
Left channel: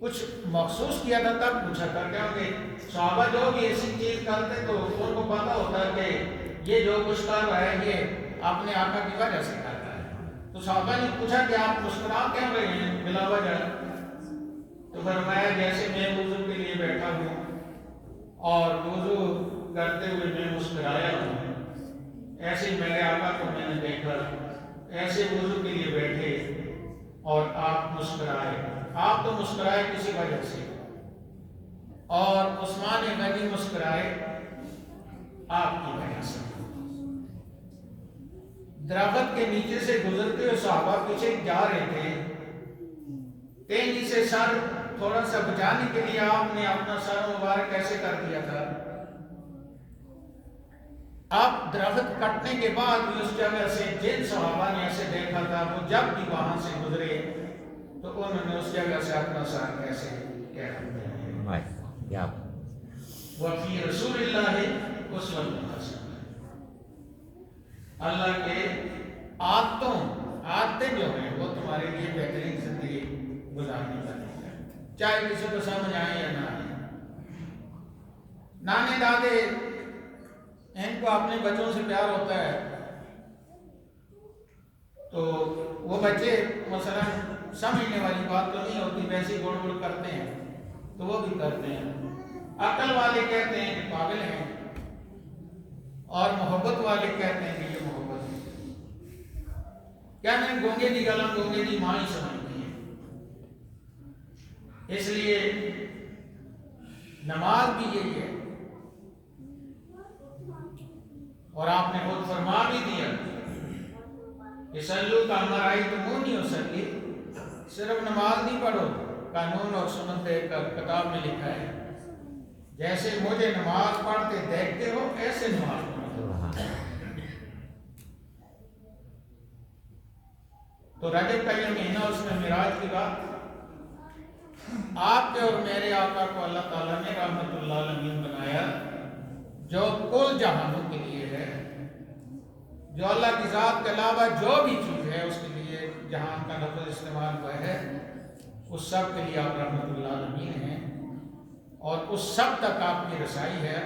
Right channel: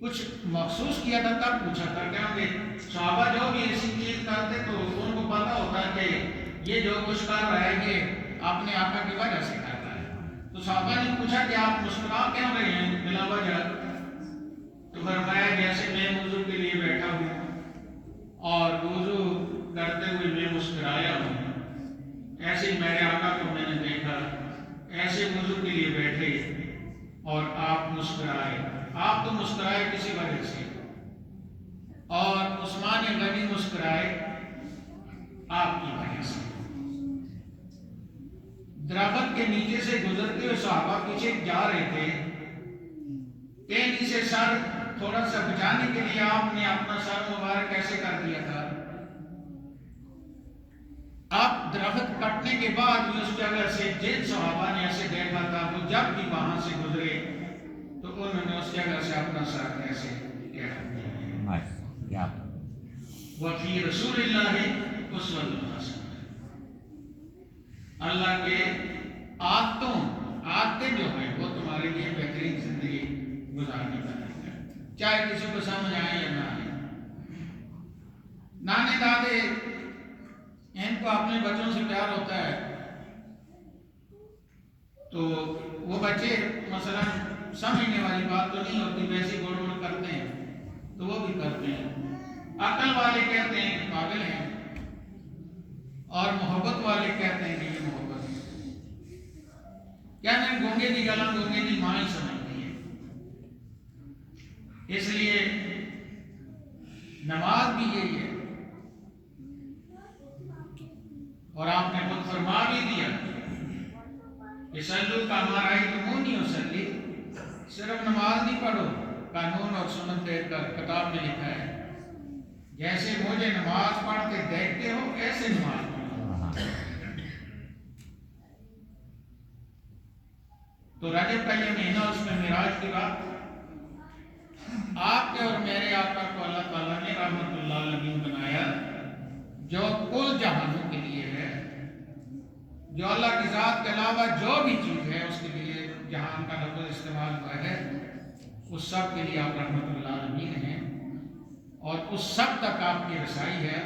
کچھ مخصوص کیا تھا تب پوچھا تھا، کیونکہ صحابہ جو بھی ایسی چیز کرتے تو ان کو پتا ہوتا کہ یہ جو کچھ کر رہا ہے یہ اپنے آقا کی وجہ سے کرتا ہے۔ تو صحابہ نے پوچھا کہ آپ مسکرا کیوں رہے ہیں بلا وجہ؟ تو فرمایا جیسے میں وضو کے لیے بیٹھا ہوں اور وضو کرتے ہوئے میں مسکرایا ہوں، ایسے ہی میرے آقا کو میں نے دیکھا، ایسے وضو کے لیے بیٹھے اور آپ مسکرائے، آپ تو مسکرائے کسی وجہ سے، اور عثمان غنی مسکرائے آپ کی وجہ سے۔ درخت کے نیچے سے گزرتے ہوئے صحابہ پیچھے جا رہے تھے، ٹہنی سے سر تھوڑا سا بچانے کے لیے آپ نے اپنا سر مبارک ایسے کر دیا تھا۔ آپ درخت کٹنے کے بعد بھی اس جگہ سے جن صحابہ نے ایسے دیکھا تھا وہ جب بھی وہاں سے گزرے تو انہوں نے اس جگہ سے اپنا سر ایسے کہہ دیا۔ وفی رسول اللہ اسوۃ حسنہ، اللہ کے عادتیں جو ہیں وہ تمہارے لیے بہترین زندگی گزارنے کا طریقہ ہے، چاہے کسی کو سمجھ آئے یا نہ آئے۔ نانے دادے ان کو اپنے بچوں سے پیار ہوتا ہے تو وہ بچے مثلا سمجھنے والی بات تو نہیں ہوتی، ویسے گڑ گڑ کرتے ہیں تو وہ بھی کرتے ہیں۔ عقل والے کہتے ہیں کہ پاگل ہیں، اور محبت والے کہتے ہیں کہ یہ محبت ہے۔ کہتے ہیں گونگے دی گلا گونگے دی ماں ہی سمجھتی ہے۔ اس لیے نماز بھی یہی ہے، اور آپ نے خود فرما بھی دیا کہ سلو کا ہمارا ہی تو منہ نہیں ہو سکتی، صرف نماز نہیں پڑھو، قانون اور سنت دیکھ کر کتاب میں لکھا ہے جیسے مجھے نماز پڑھتے دیکھتے ہو ایسے نماز پڑھو۔ تو رجب کا یہ مہینہ، اس میں معراج کی بات، آپ کے اور میرے آقا کو اللہ تعالیٰ نے رحمت اللہ علیہ بنایا، جو کل جہانوں کے لیے ہے، جو اللہ کی ذات کے علاوہ جو بھی چیز ہے اس کے لیے جہان کا لفظ استعمال ہوا ہے، اس سب کے لیے آپ رحمت اللہ علیہ ہیں، اور اس سب تک آپ کی رسائی ہے،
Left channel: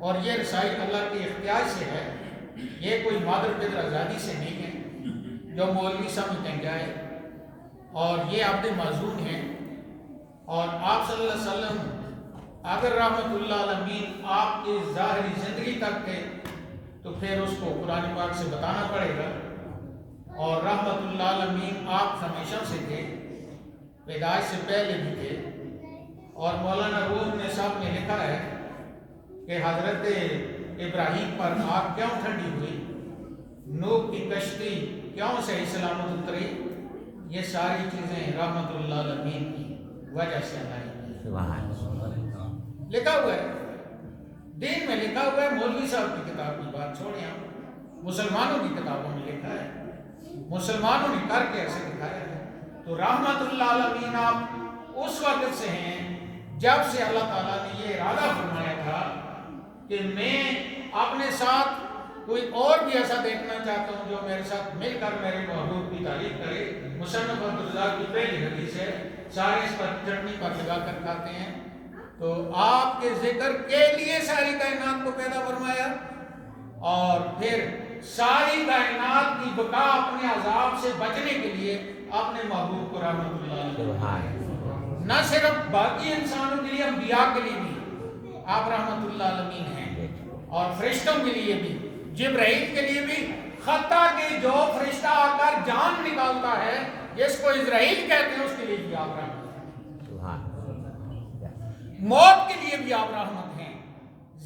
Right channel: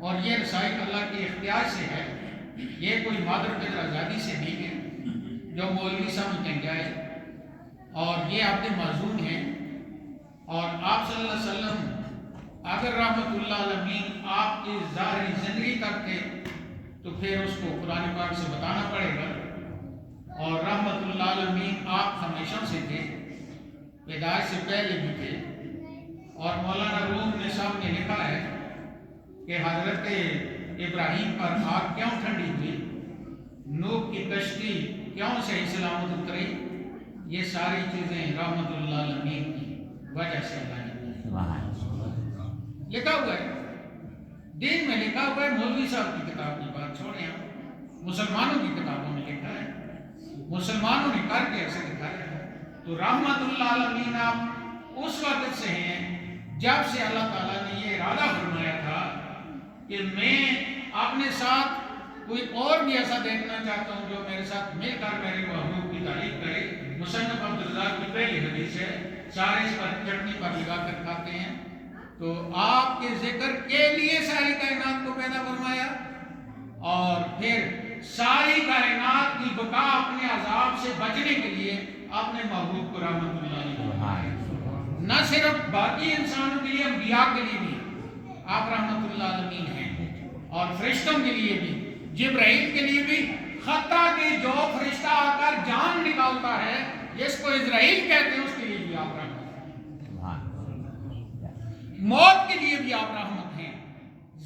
اور یہ رسائی اللہ کے اختیار سے ہے، یہ کوئی مادر قدر آزادی سے نہیں ہے جو مولوی سمجھیں جائے، اور یہ عبد معذور ہیں۔ اور آپ صلی اللہ علیہ وسلم اگر رحمت اللہ علیہ آپ کی ظاہری زندگی کرتے تو پھر اس کو قرآن پاک سے بتانا پڑے گا، اور رحمت اللہ علیہ آپ ہمیشہ سے تھے، پیدائش سے پہلے بھی تھے، اور مولانا روم نے صاحب نے لکھا ہے کہ حضرت ابراہیم پر آگ کیوں ٹھنڈی ہوئی، نوح کی کشتی کیوں صحیح سلامت اتری، یہ ساری چیزیں رحمت اللہ علیہ کی وجہ سے لکھا ہوا ہے، دین میں لکھا ہوا ہے۔ مولوی صاحب کی کتاب کی بات چھوڑیں، ہم مسلمانوں کی کتابوں میں لکھا ہے، مسلمانوں نے کر کے ایسے دکھایا ہے۔ تو رحمت للعالمین آپ اس وقت سے ہیں جب سے اللہ تعالیٰ نے یہ ارادہ فرمایا تھا کہ میں اپنے ساتھ کوئی اور بھی ایسا دیکھنا چاہتا ہوں جو میرے ساتھ مل کر میرے محبوب کی تعریف کرے۔ مصنف عبدالرزاق کی پہلی حدیث ہے، سارے اس پر چٹنی پر لگا کر کھاتے ہیں۔ تو آپ کے ذکر کے لیے ساری کائنات کو پیدا فرمایا اور پھر ساری کائنات کی بقا اپنے عذاب سے بچنے کے لیے اپنے محبوب کو رحمت اللہ علیہ، نہ صرف باقی انسانوں کے لیے، انبیاء کے لیے بھی آپ رحمت اللہ علیہ ہیں، اور فرشتوں کے لیے بھی، جبرائیل کے لیے بھی، حتیٰ کہ جو فرشتہ آ کر جان نکالتا ہے جس کو اسرائیل کہتے ہیں اس کے لیے بھی آپ رحمت ہیں، موت کے لیے بھی آپ رحمت ہیں،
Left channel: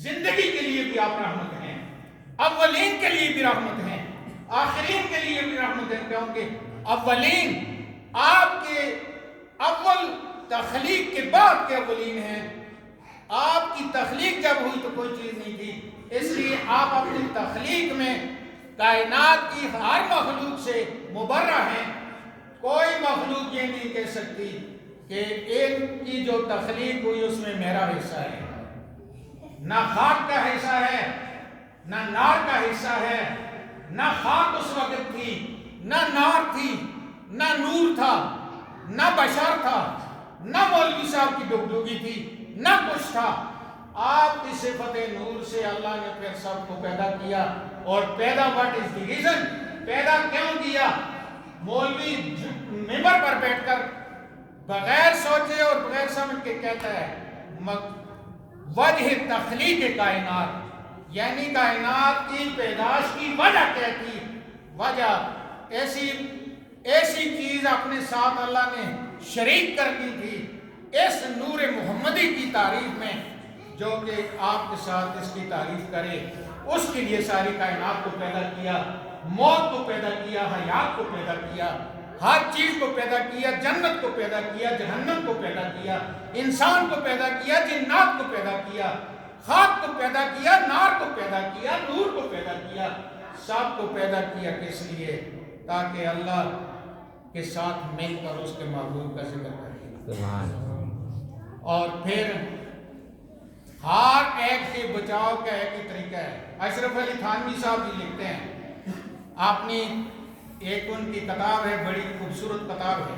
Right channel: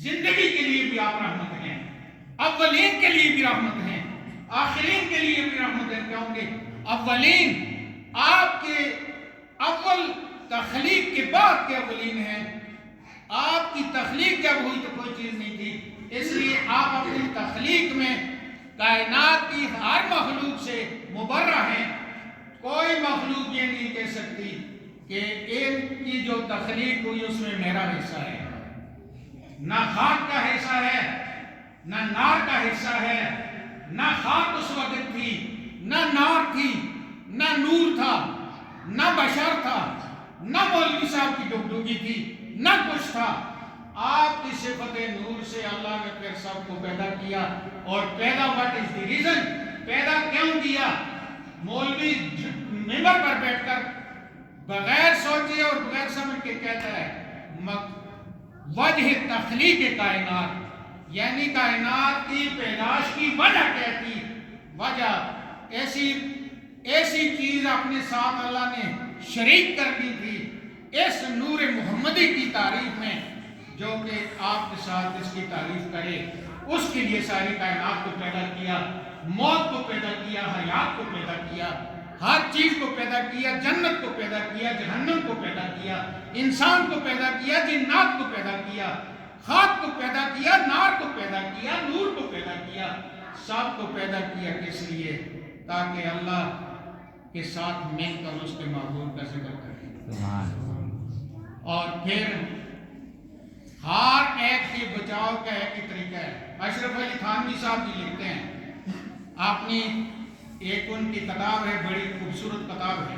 زندگی کے لیے بھی آپ رحمت ہیں، اولین کے لیے بھی رحمت ہیں، آخرین کے لیے بھی رحمت ہیں، کیونکہ اولین آپ کے اول تخلیق کے بعد کے اولین ہیں۔ آپ کی تخلیق جب ہوئی تو کوئی چیز نہیں تھی، اس لیے آپ اپنی تخلیق میں کائنات کی ہر مخلوق سے مبرہ ہیں۔ کوئی مخلوق یہ نہیں کہہ سکتی کہ ان کی جو تخلیق ہوئی اس میں میرا حصہ ہے، نہ خاک کا حصہ ہے، نہ نار کا حصہ ہے، نہ خاک اس وقت تھی، نہ نار تھی، نہ نور تھا، نہ بشر تھا، نہ مولوی صاحب کی ڈگڈگی تھی، نہ کچھ تھا۔ آپ کی صفت نور سے اللہ نے پھر سب کو پیدا کیا، اور پیدا what is the reason؟ پیدا کیوں کیا؟ مولوی ممبر پر بیٹھ کر بغیر سوچے اور بغیر سمجھ کے کہتا ہے وجہ تخلیق کائنات، یعنی کائنات کی پیدائش کی وجہ کیا تھی؟ وجہ ایسی چیز اپنے ساتھ اللہ نے شریک کر دی تھی اس نور محمدی کی تعریف میں، جو کہ آپ کے ساتھ اس کی تعریف کرے۔ اس کے لیے ساری کائنات کو پیدا کیا، موت کو پیدا کیا، حیات کو پیدا کیا، ہر چیز کو پیدا کیا، جنت کو پیدا کیا، جہنم کو پیدا کیا، انسان کو پیدا کیا، جنات کو پیدا کیا، خاک کو پیدا کیا، نار کو پیدا کیا، نور کو پیدا کیا، سب کو پیدا کیا کس لیے؟ تاکہ اللہ کے ساتھ مل کر اس کے محبوب کا ذکر کرے۔ اور پھر ہر ایک کے بچاؤ کا ایک ہی طریقہ ہے۔ اشرف علی تھانوی صاحب بھی لکھتے ہیں، اپنی ایک ان کی کتاب ہے، بڑی خوبصورت کتاب ہے،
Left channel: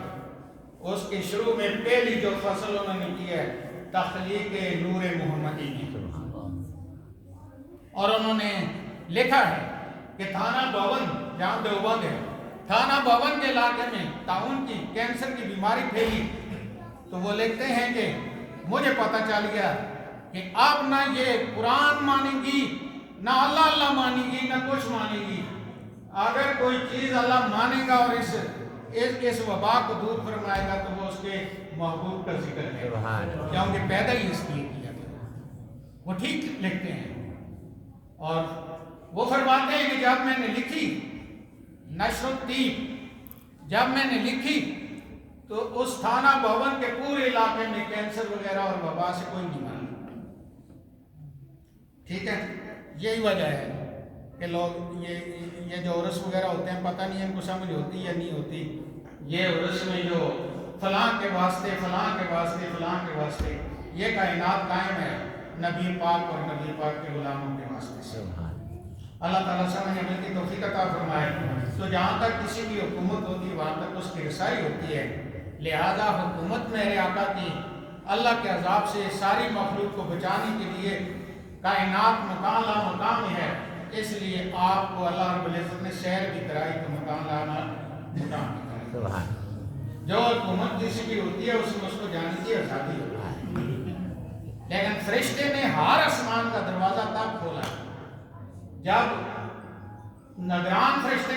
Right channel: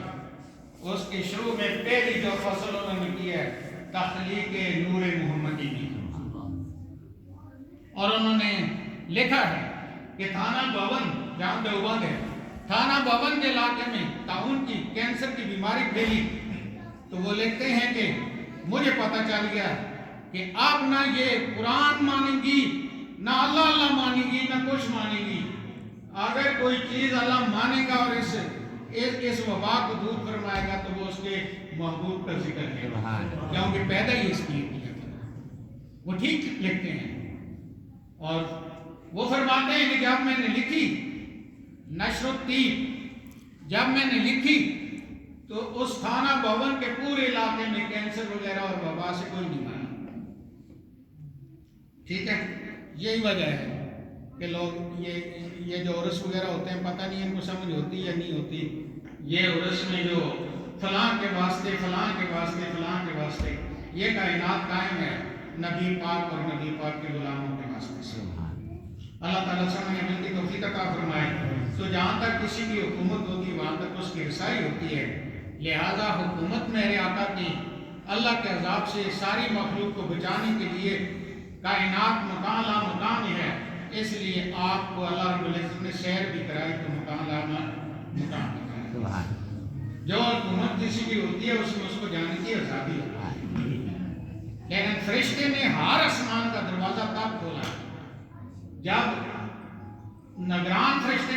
اس کے شروع میں پہلی جو فصل انہوں نے کی ہے تخلیق نور محمدی کی، اور انہوں نے لکھا ہے کہ تھانہ بھون، جہاں دیوبند ہے، تھانہ بھون کے علاقے میں طاعون کی کینسر کی بیماری پھیلی، تو وہ لکھتے ہیں کہ مجھے پتہ چل گیا کہ اب نہ یہ قرآن مانے گی، نہ اللہ اللہ مانے گی، نہ کچھ مانے گی۔ اگر کوئی چیز اللہ مانے گا اور اس وبا کو دور فرمائے گا تو وہ اس کے محبوب کا ذکر ہے، کیونکہ پیدا ہی اس لیے کیا گیا۔ وہ ٹھیک لکھتے ہیں، اور وہ فرماتے ہیں کہ جب میں نے لکھی نشر الطیب، جب میں نے لکھی تو اس تھانہ بھون کے پورے علاقے میں کینسر وغیرہ اور وبا سے کوئی نہیں مانا۔ ٹھیک ہے، یہی وجہ ہے کہ لوگ یہ جو عرس وغیرہ ہوتے ہیں، پتہ نہیں ان کو سمجھ ہوتی یا نہیں ہوتی، یہ عرس میں جو فلاں کے واسطے فلاں کے واسطے فلاں کے واسطے یہ کائنات قائم ہے نبی پاک اور نبی پاک کے غلاموں کے واسطے سے۔ اللہ تعالیٰ سمجھ عمل کی توفیق عطا فرمائے۔ تو جہاں تک کسی کی حکومت ہوتی وہاں تک اس کی رسائی ہوتی ہے، لہذا حکومت میرے آقا کی اللہ کے عذاب سے ساری مخلوق کو بچانے کے لیے کائنات مکان لا مکان ہے، اس لیے آپ کو اللہ رب العزت نے سیر بھی کرائی تو مکان لانا مکان بھی کرائی۔ جو حکومت کسی کی ہوتی ہے اس میں اس کو جانے کی آزادی ہوتی ہے، لیکن فرشتے نے ہر آسمان کا دروازہ تب کھولا جب نگران فرشتے